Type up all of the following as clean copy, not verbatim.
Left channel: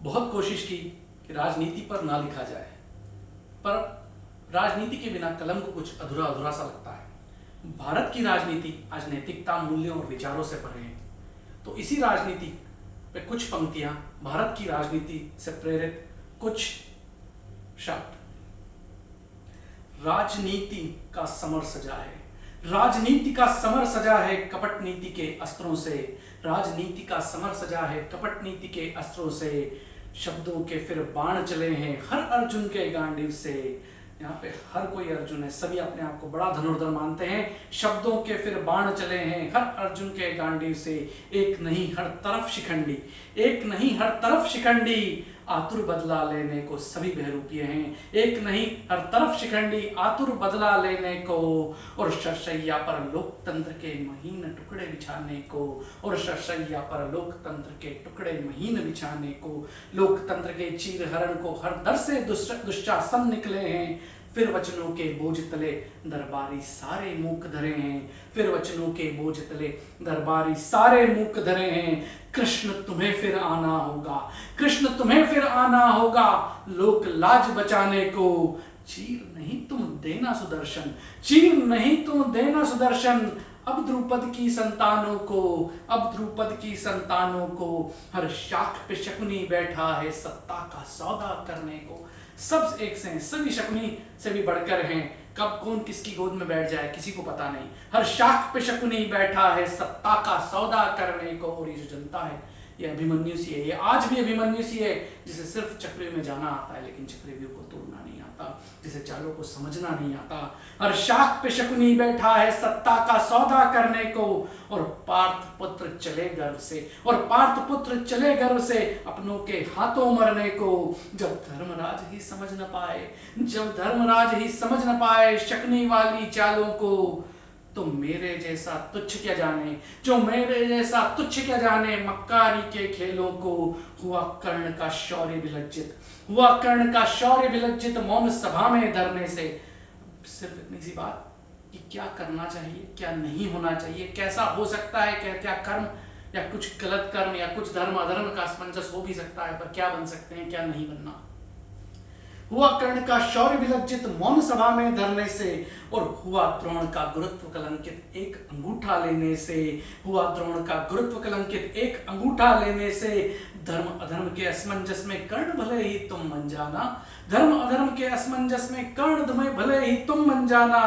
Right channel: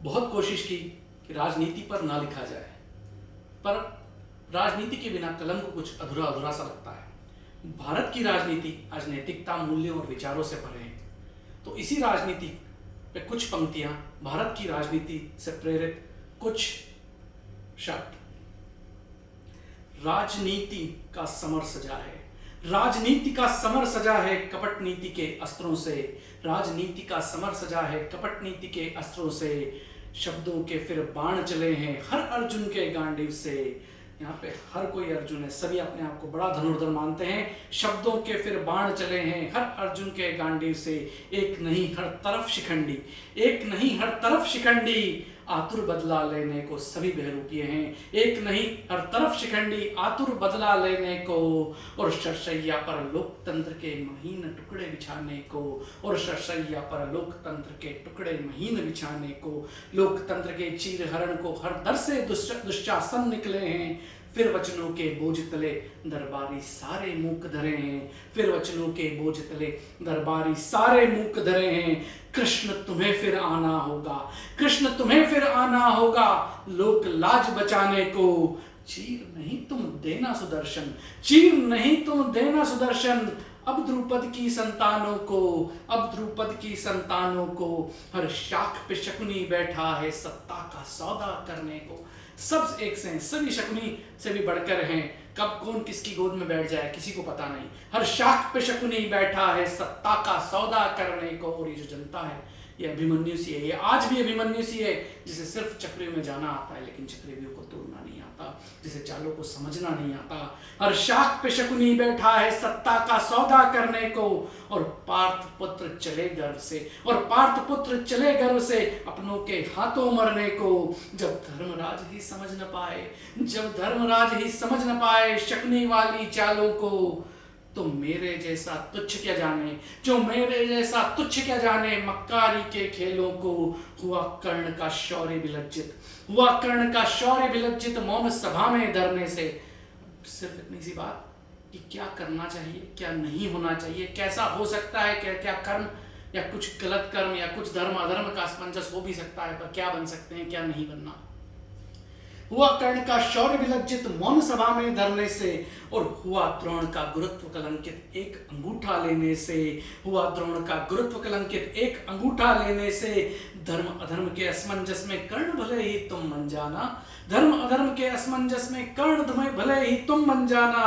बहुत कोशिश की कि राजनीति पर ना लिखा जाए, पर राजनीति के बिना कलम को कुछ अधूरा अधूरा सा लगता है। भारत की राजनीति आज नैतिकता, मूल्यों और विचारों से परे है। तो इसी राजनीति पे कुछ पंक्तियां, भारत की राजनीति से प्रेरित कुछ शब्द। राजनीति का समर सजा है, राजनीति का समर सजा है कपट नीति के अस्त्रों से, राजनीति का समर सजा है कपट नीति के अस्त्रों से, शब्दों के फिर बाण चले हैं हर अर्जुन के गांडीव से। यहाँ पे हर कोई अर्जुन है, सभी अपने आप को बड़ा धनुर्धर मानते हैं। शब्दों के फिर बाण चले हैं हर अर्जुन के गांडीव से, एक नहीं हर तरफ शिखंडी, एक नहीं हर तरफ शिखंडी, आतुर बदला लेने को सभी बहरूपिये हैं। एक नहीं हर तरफ शिखंडी, आतुर बदला लेने को, और शरशैया पर लोकतंत्र के महीन टुकड़े बिछाने को, और शरशैया पर लोकतंत्र के टुकड़े महीन बिछाने को। लोकतंत्र के चीरहरण को हर दर से दुशासन निकले हैं, फिर वचनों के बोझ तले दरबारी सारे मूक धरे हैं, फिर वचनों के बोझ तले दरबारी सारे मूक धरे हैं। कृष्ण तुम्हें फिर आना होगा, कृष्ण तुम्हें फिर आना होगा, लोक लाज बचाने को। चीर नहीं तुम देना सुदर्शन, चीर नहीं तुम देना सुदर्शन, अब द्रुपद की संतानों को, अब द्रुपद की संतानों को। हर शाख पे शकुनी बैठा है सत्ता का सौदा करने को। सब एक से हैं, सभी शकुनी से भी बढ़कर हैं। कब कौन किसकी गोद में बैठ जाए किसी को पता नहीं। हर शाख पे शकुनी बैठा है सत्ता का सौदा करने को। और ये जो जनता है ये अभिमन्यु सी है, ये आज भी अभिमन्यु सी है, जिसे सिर्फ चक्रव्यूह में जाना आता है लेकिन चक्रव्यूह को तोड़ना नहीं आता, जिसे चालों को समझना नहीं आता। हर शाख पे शकुनी बैठा है सत्ता का सौदा करने को, और पार्थ पुत्र चले गर्व से, और पार्थ पुत्र चले गर्व से अपनों के हाथों मरने को। जब धर्मराज ही समझ न पाए, जब धर्मराज ही समझ न पाए शकुनी वाली चालों को, तो मेरे जैसा तुच्छ क्या जाने, जो मेरे जैसा तुच्छ क्या जाने मक्कारी के खेलों को। हुआ कर्ण का शौर्य विलज्जित, हुआ कर्ण का शौर्य विलज्जित मौन सभा में धरने से। सिर्फ इतनी सी बात कि क्या करना चाहिए, क्या नहीं होना चाहिए, कैसा हो सकता है, क्या क्या कर्म या कुछ गलत कर्म या कुछ धर्म अधर्म का असमंजस हो भी सकता है, पर क्या बन सकते हैं, क्या नहीं बनना। हुआ कर्ण का शौर्य विलज्जित मौन सभा में धरने से, और हुआ द्रोण का गुरुत्व कलंकित एक अंगूठा लेने से। हुआ द्रोण का गुरुत्व कलंकित एक अंगूठा लेने से। धर्म अधर्म के असमंजस में कर्ण भले ही तुम मन जाना, धर्म अधर्म के असमंजस में कर्ण तुम्हें भले ही तुम मन जाना।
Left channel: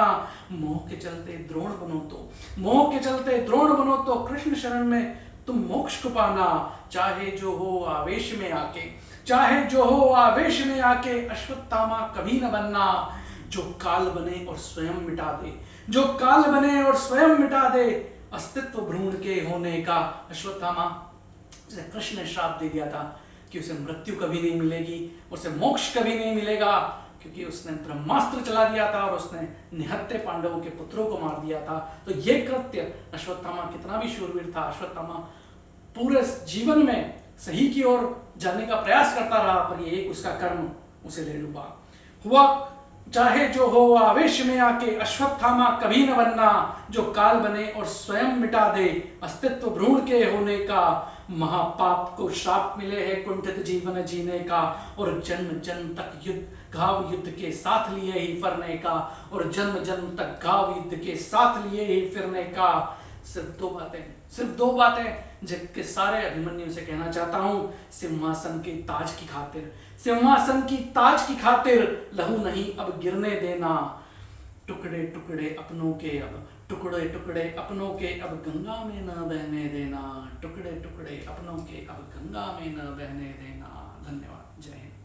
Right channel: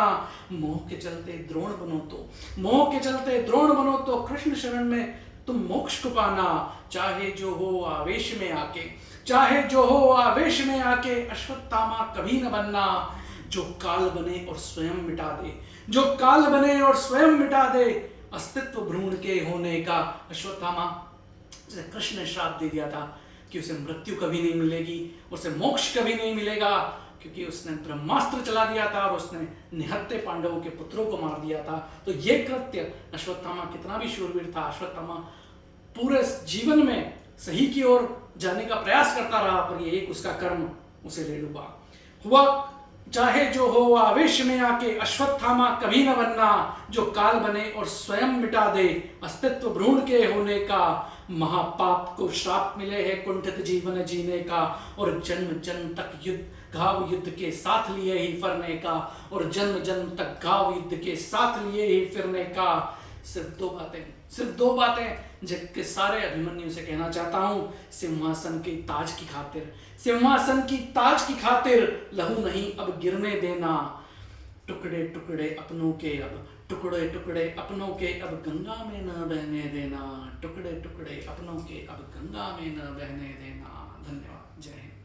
मोह के चलते द्रोण बनो तो, मोह के चलते द्रोण बनो तो कृष्ण शरण में तुम मोक्ष को पाना। चाहे जो हो आवेश में आके, चाहे जो हो आवेश में आके अश्वत्थामा कभी न बनना। जो काल बने और स्वयं मिटा दे, जो काल बने और स्वयं मिटा दे अस्तित्व भ्रूण के होने का। अश्वत्थामा जिसे कृष्ण ने श्राप दे दिया था कि उसे मृत्यु कभी नहीं मिलेगी, उसे मोक्ष कभी नहीं मिलेगा, क्योंकि उसने ब्रह्मास्त्र चला दिया था और उसने निहत्ते पांडवों के पुत्रों को मार दिया था। तो ये कृत्य अश्वत्थामा कितना भी शूरवीर था, अश्वत्थामा पूरे जीवन में सही की ओर जाने का प्रयास करता रहा, पर ये एक उसका कर्म उसे ले डूबा। हुआ चाहे जो हो आवेश में आके अश्वत्थामा कभी न बनना। जो काल बने और स्वयं मिटा दे अस्तित्व भ्रूण के होने का। महापाप को श्राप मिले हैं कुंठित जीवन जीने का, और जन्म जन्म तक युद्ध घाव युद्ध के साथ लिए ही फरने का, और जन्म जन्म तक घाव युद्ध के साथ लिए ही फिरने का। सिर्फ दो बातें, सिर्फ दो बातें जिनके सारे अभिमन्यु से कहना चाहता हूं। सिंहासन के ताज की खातिर, सिंहासन की ताज की खातिर लहू नहीं अब गिरने देना। टुकड़े टुकड़े अपनों के अब, टुकड़े टुकड़े अपनों के अब गंगा में न बहने देना। टुकड़े टुकड़े अपनों के अब गंगा में न बहने देना। धन्यवाद। जय हिंद।